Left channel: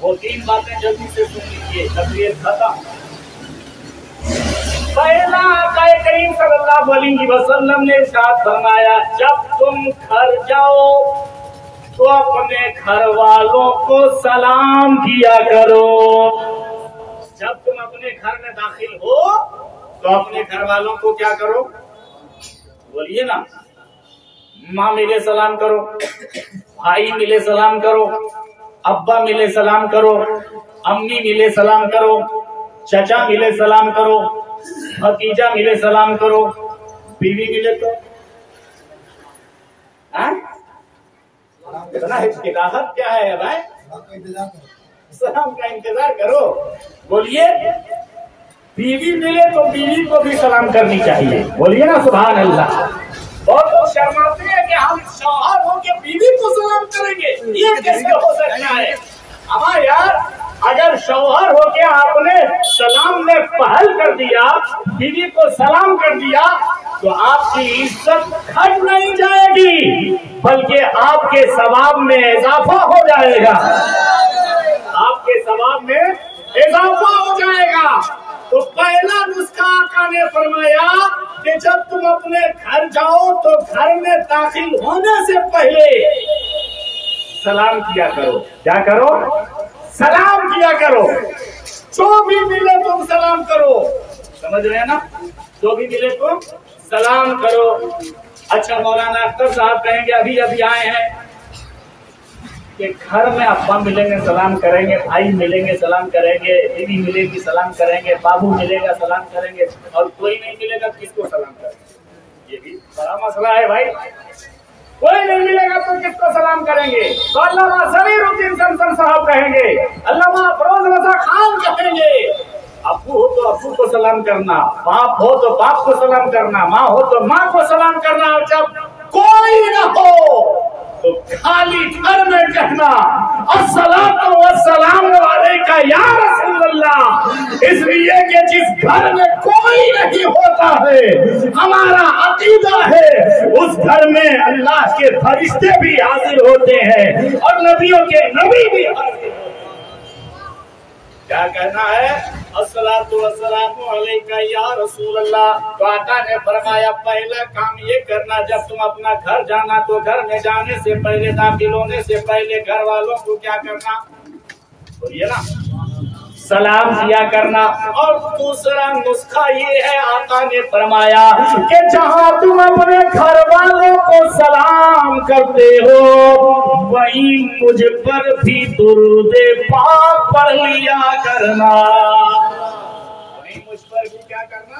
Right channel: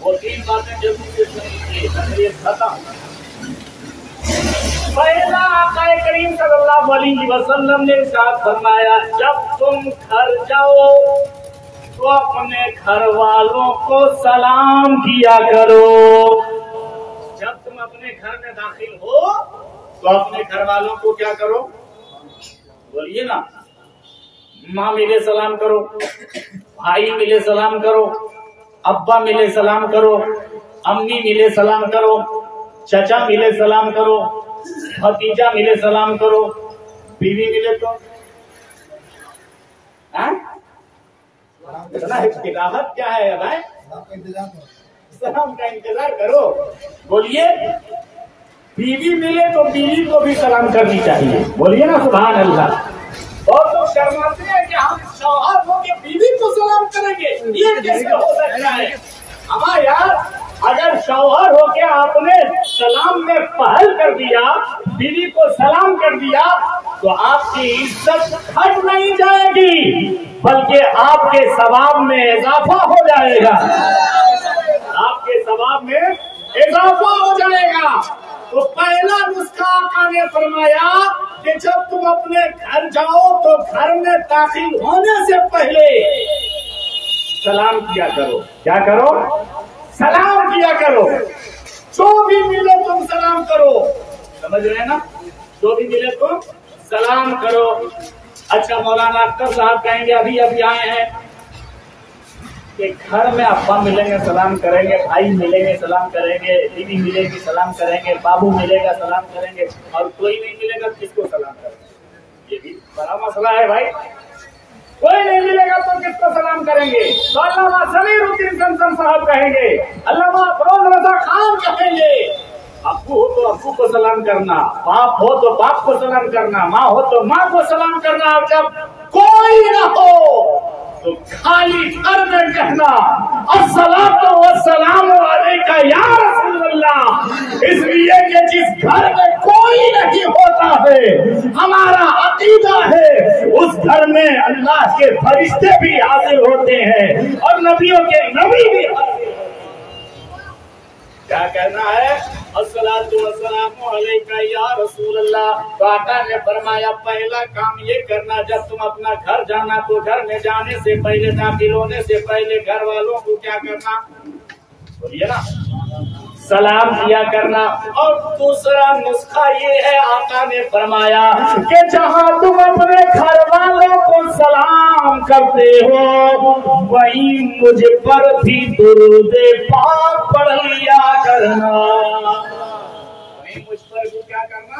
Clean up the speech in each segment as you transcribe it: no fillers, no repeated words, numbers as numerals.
وہ 3 باتیں جلدی سے سن لیجیے، تقریر ختم۔ پہلا آقا کریم صلی اللہ علیہ وسلم نے ارشاد فرمایا جب تم گھر جاؤ تو اپنے گھر والوں کو سلام کیا کرو۔ جب تم اپنے گھر میں داخل ہو تو اپنے گھر والوں کو کیا کرو؟ بولیے نا، ماں ملے سلام کرو، بھائی ملے سلام کرو، ابا ملے سلام کرو، امی ملے سلام کرو، چچا ملے سلام کرو، بھتیجا ملے سلام کرو، بیوی ملے تو راحت کیا ہے بھائی؟ سلام کا انتظار کرو۔ بولیے بیوی ملے تو بیوی کو بھی سلام کرنی چاہیے، بولیے نا سبحان اللہ۔ بہت لوگ شرماتے ہیں کہ ہم شوہر ہو کے بیوی کو سلام کریں گے، یہ کیسے ہو سکتا ہے؟ ہمارا یار اگر شوہر ہو کے آپ نے سلام میں پہل کر دیا، بیوی کو سلام کر دیا، تو آپ کی عزت گھٹ نہیں جائے گی بلکہ آپ کے ثواب میں اضافہ ہو جائے گا، آپ کے ثواب میں اضافہ ہو جائے گا۔ تو پہلا نسخہ آقا نے فرمایا کہ جب تم اپنے گھر جاؤ تو گھر میں داخل ہونے سے پہلے سلام کیا کرو۔ کیا کرو؟ سلام کیا کرو۔ جو بھی ملے تم سلام کرو، سمجھ رہے ہیں نا؟ جو بھی ملے تم سلام کرو۔ اچھا مولانا اختر صاحب کہیں گے ابھی آئے ہیں کہ گھر میں ابا ملیں گے سلام کریں گے، بھائی ملیں گے سلام کریں گے، بیوی ملے گی سلام کریں گے، بابو ملے گا سلام کریں گے، اور کوئی نہیں ملے گا کس کو سلام کریں گے؟ یہ بھی بڑا مسئلہ ہے بھائی۔ کوئی نہیں ملے گا تو کس کو سلام کریں گے؟ تو علامہ ضمیر الدین سمسم صاحب کہیں گے، علامہ افروز رضا خان کہیں گے ابو ہو تو ابو کو سلام کرنا، باپ ہو تو باپ کو سلام کرنا، ماں ہو تو ماں کو سلام کرنا، اور جب کوئی نہ ہو تو خالی گھر میں کہنا الصلاۃ والسلام علیک یا رسول اللہ، اس لیے کہ جس گھر میں کوئی نہیں ہوتا ہے، ہمارا عقیدہ ہے اس گھر میں اللہ کے فرشتے بھی حاضر ہوتے ہیں اور نبیوں کے نبی بھی حاضر ہوتے ہیں۔ کیا کہنا ہے؟ الصلاۃ والسلام علیک یا رسول اللہ۔ تو آقا نے فرمایا پہلا کام یہ کرنا جب تم اپنا گھر جانا تو گھر میں جانے سے پہلے، داخل ہونے سے پہلے گھر والوں کو کیا کرنا؟ بولیے نا، سلام کیا کرنا۔ اور دوسرا نسخہ یہ ہے آقا نے فرمایا کہ جہاں تم اپنے گھر والوں کو سلام کرتے ہو وہیں مجھ پر بھی درود پاک پڑھ لیا کرنا، وہیں مجھ پر بھی کیا کرنا؟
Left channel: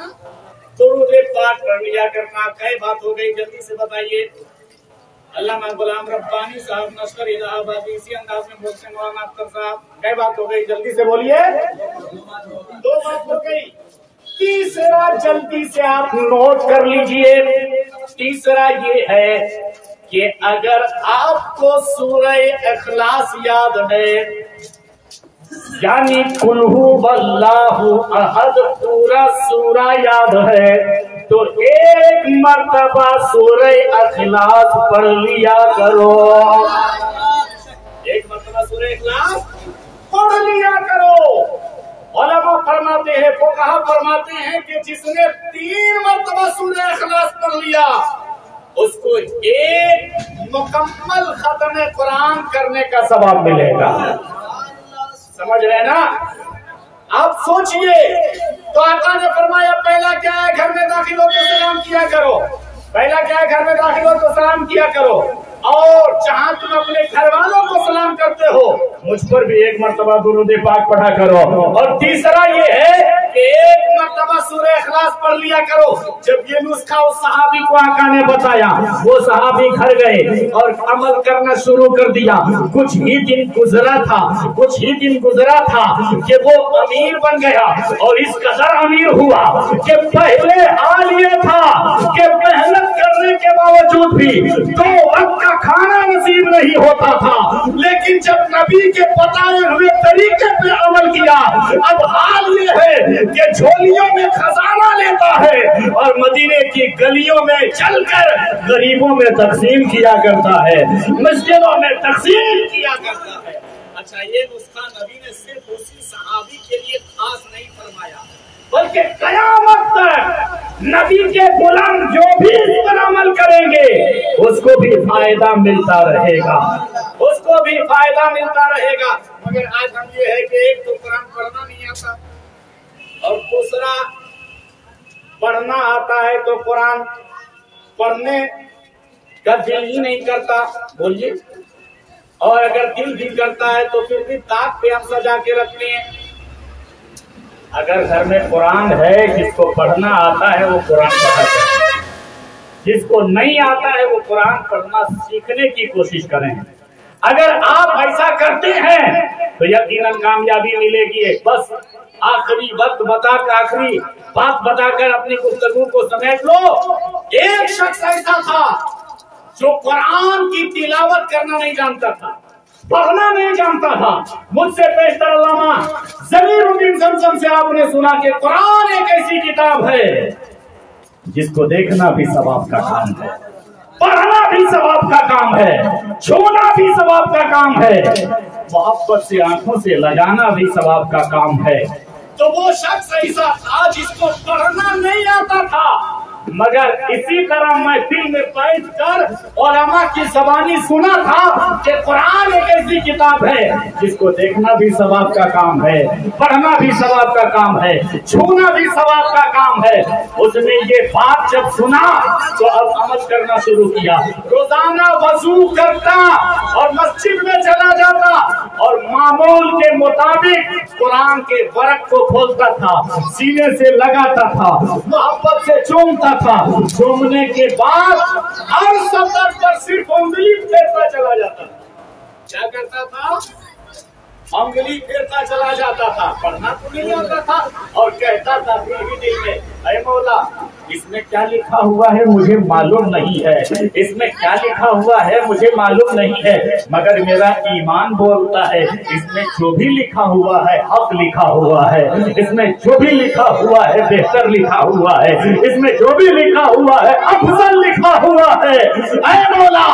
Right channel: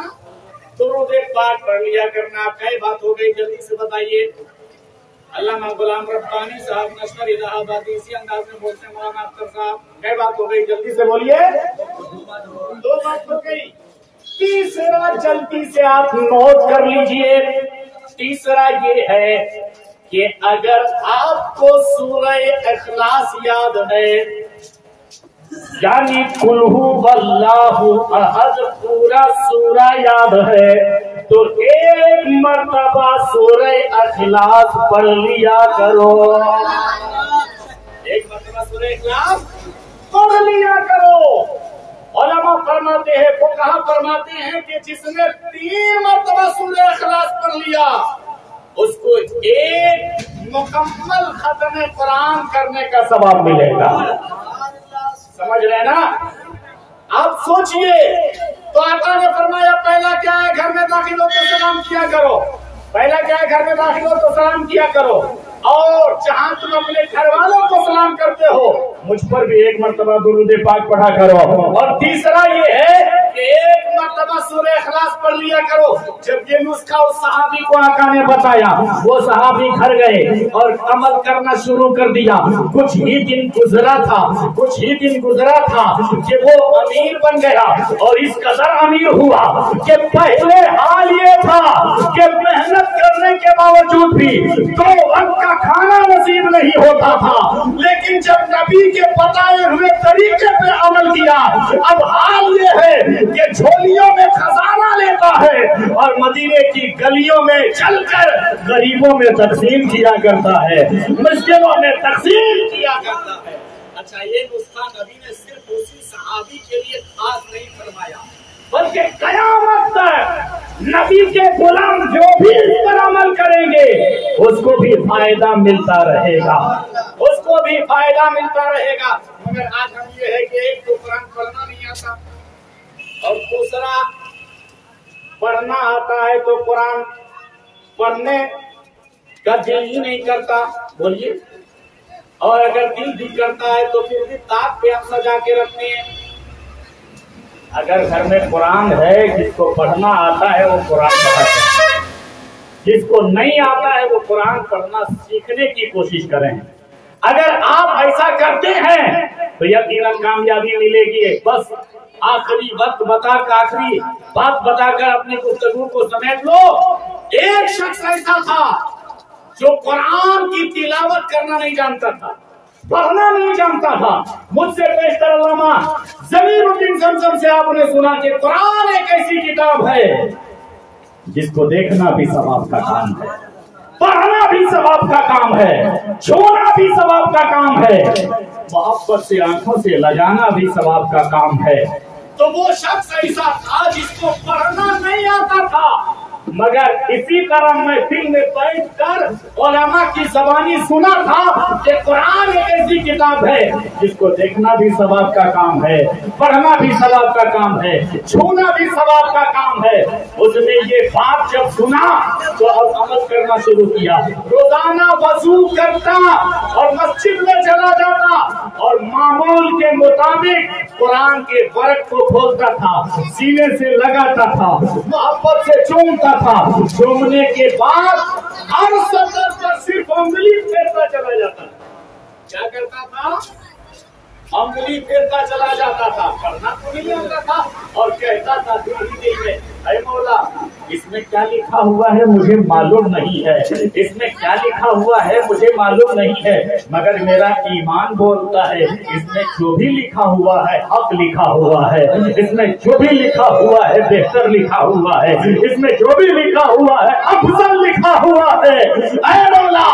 درود پاک پڑھ لیا کرنا۔ کئی بات ہو گئی جلدی سے بتائیے۔ علامہ غلام ربانی صاحب نشر الہ آبادی اسی انداز میں بولتے ہیں، مولانا اختر صاحب کئی بات ہو گئی جلدی سے بولیے۔ 2 بات ہو گئی۔ تیسرا جلدی سے آپ نوٹ کر لیجئے، تیسرا یہ ہے کہ اگر آپ کو سورہ اخلاص یاد ہے، یعنی قل ھو اللہ احد پورا سورہ یاد ہے، تو ایک مرتبہ سورہ اخلاص پڑھ لیا کرو، ایک مرتبہ سورہ اخلاص پڑھ لیا کرو۔ علماء فرماتے ہیں، فقہا فرماتے ہیں کہ جس نے 3 مرتبہ سورہ اخلاص پڑھ لیا اس کو ایک مکمل ختم قرآن کرنے کا ثواب ملے گا۔ سمجھ رہے نا؟ آپ سوچئے، تو آقا نے فرمایا پہلا کیا ہے؟ گھر میں داخل ہو تو سلام کیا کرو۔ پہلا کیا ہے؟ گھر میں داخل ہو تو سلام کیا کرو، اور جہاں تم اپنے گھر والوں کو سلام کرتے ہو مجھ پر بھی ایک مرتبہ درود پاک پڑھا کرو۔ اور تیسرا یہ ہے کہ ایک مرتبہ سورہ اخلاص پڑھ لیا کرو۔ جب یہ نسخہ اس صحابی کو آقا نے بتایا، وہ صحابی گھر گئے اور عمل کرنا شروع کر دیا۔ کچھ ہی دن گزرا تھا کہ وہ امیر بن گیا، اور اس قدر امیر ہوا کہ پہلے حال یہ تھا کہ محنت کرنے کے باوجود بھی 2 وقت کا کھانا نصیب نہیں ہوتا تھا، لیکن جب نبی کے بتائے ہوئے طریقے پہ عمل کیا اب حال یہ ہے کہ جھولیوں میں خزانہ لیتا ہے اور مدینے کی گلیوں میں چل کر غریبوں میں تقسیم کیا کرتا ہے، مسجدوں میں تقسیم کیا کرتا ہے۔ अच्छा ये नुस्खा नबी ने सिर्फ उसी सहाबी के लिए खास नहीं फरमाया, बल्कि कयामत तक नबी के गुलाम जो भी इस पर अमल करेंगे उसको भी फायदा मिलता रहेगा, उसको भी फायदा मिलता रहेगा। मगर आज हम ये है कि एक तो कुरान पढ़ना नहीं आता और दूसरा पढ़ना आता है तो कुरान पढ़ने का दिल ही नहीं करता, बोलिए, और अगर दिल भी करता है तो फिर भी ताक पे हम सजा के रखते हैं। अगर घर में कुरान है, जिसको पढ़ना आता है वो कुरान पढ़ा करे, जिसको नहीं आता है वो कुरान पढ़ना सीखने की कोशिश करें। अगर आप ऐसा करते हैं तो यकीनन कामयाबी मिलेगी। बस आखिरी वक्त आखिरी बात बताकर अपनी गुफ्तगू को समेट लो। एक शख्स ऐसा था जो कुरान की तिलावत करना नहीं जानता था, पढ़ना नहीं जानता था। मुझसे पेशतर अल्लामा ज़मीरुद्दीन ज़मज़म से आपने सुना कि कुरान एक ऐसी किताब है जिसको देखना भी सवाब का काम है, पढ़ना भी सवाब का काम है, छूना भी सवाब का काम है, मोहब्बत से आंखों से लगाना भी सवाब का काम है। तो वो शख्स ऐसा था जिसको पढ़ना नहीं आता था, मगर इसी तरह मैं दिल में बैठ कर उलमा की ज़बानी सुना था कि कुरान एक ऐसी किताब है जिसको देखना भी सवाब का काम है, पढ़ना भी सवाब का काम है, छूना भी सवाब का काम है। उसने ये बात जब सुना तो अब अमल करना शुरू किया। रोजाना वजू करता और मस्जिद में चला जाता और मामूल के मुताबिक कुरान के वर्क को खोलता था, सीने से लगाता था, मोहब्बत से चूमता था। चूमने के बाद हर सफर पर सिर्फ उंगली फेरता चला जाता था। क्या करता था? उंगली फेरता चला जाता था, पढ़ना तो नहीं आता था और कहता था दिल ही दिल में, ऐ मौला इसमें क्या लिखा हुआ है मुझे मालूम नहीं है, इसमें क्या लिखा हुआ है मुझे मालूम नहीं है, मगर मेरा ईमान बोलता है इसमें जो भी लिखा हुआ है हक लिखा हुआ है, इसमें जो भी लिखा हुआ है बेहतर लिखा हुआ है, इसमें जो भी लिखा हुआ है अफजल लिखा हुआ है। ऐ मौला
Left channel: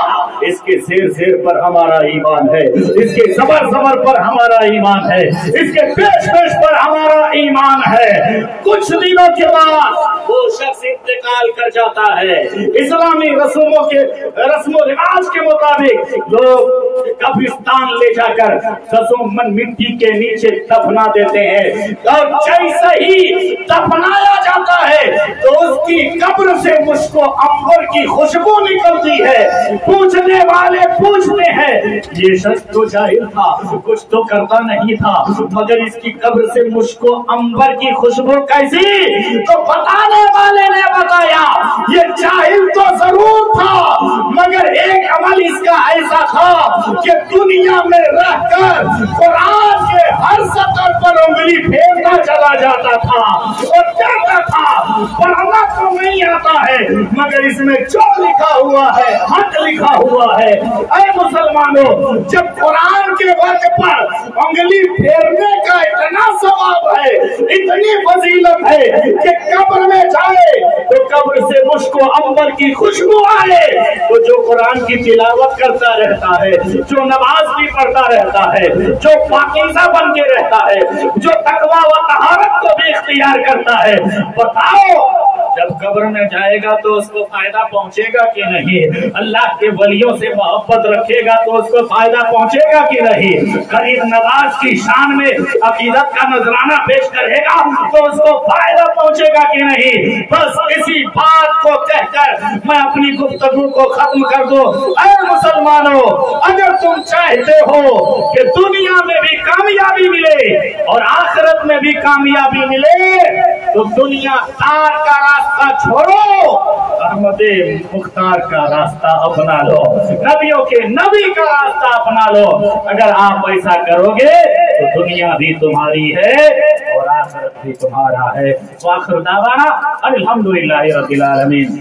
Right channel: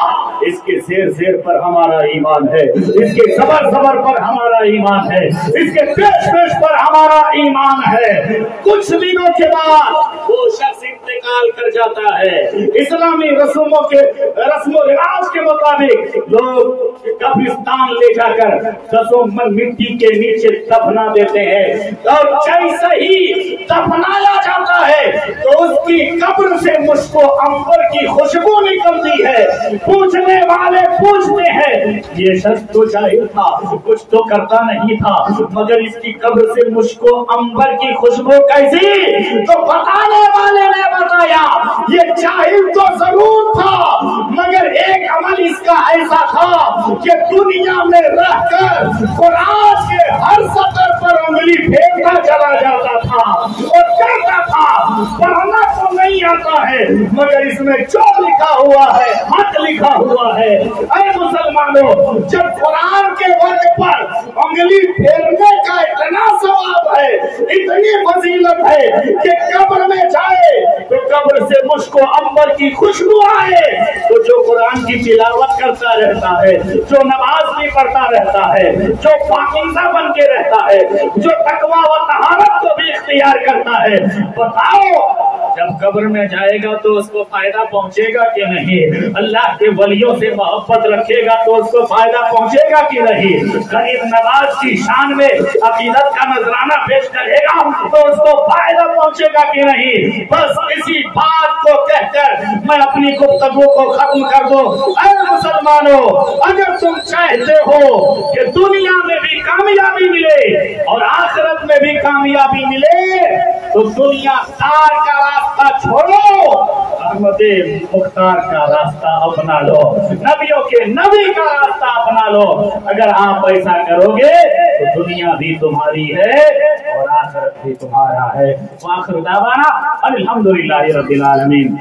इसके शेर पर हमारा ईमान है, इसके सबर पर हमारा ईमान है, इसके पेश पर हमारा ईमान है। कुछ दिनों के बाद वो शख्स इंतकाल कर जाता है। इस्लामी रस्मों रिवाज के मुताबिक लोग कब्रिस्तान ले जाकर 10 मन मिट्टी के नीचे दफना देते हैं और जैसे ही दफनाया जाता है तो उसकी कब्र से मुझको अंबर की खुशबू निकलती है। पूछने वाले पूछते हैं ये शख्स तो जाहिल था, कुछ तो करता नहीं था, मगर इसकी कब्र से मुझको अंबर की खुशबू कैसी? तो बताने वाले ने बताया ये जाहिल तो जरूर था, मगर एक अमल इसका ऐसा था कि दुनिया में रहकर कुरान के हर सतर पर उंगली फेरता चला जाता था और कहता था पढ़ना तो नहीं आता है मगर इसमें जो लिखा हुआ है हक लिखा हुआ है। ऐ मुसलमानों, जब कुरान के वक्त पर उंगली फेरने का इतना सवाब है, इतनी फजीलत है कि कब्र में जाए तो कब्र से मुझको अंबर की खुशबू आए, तो जो कुरान की तिलावत करता रहता है, जो नमाज भी पढ़ता रहता है, जो पाकीज़ा बन के रहता है, जो तकवा व तहारत को भी इख्तियार करता है, बताओ जब कब्र में जाएगा तो उसको फायदा पहुंचेगा कि नहीं? अल्लाह के वलियों से मोहब्बत रखेगा तो उसको फायदा पहुंचेगा कि नहीं? करीब नवाज की शान में अकीदत का नजराना पेश करेगा तो उसको फायदा पहुंचेगा कि नहीं? बस इसी बात को कहकर मैं अपनी गुफ्तगू को खत्म कर दूं। ऐ मुसलमानों, अगर तुम चाहते हो कि दुनिया में भी कामयाबी मिले और आखिरत में भी कामयाबी मिले तो दुनिया तार का रास्ता छोड़ो, अहमदे मुख्तार का रास्ता अपना लो, नबियों के नबी का रास्ता अपना लो। अगर आप ऐसा करोगे तो दुनिया भी तुम्हारी है और आखिरत भी तुम्हारा है। वाखिर दावाना अल्हम्दुलिल्लाहि रब्बिल आलमीन।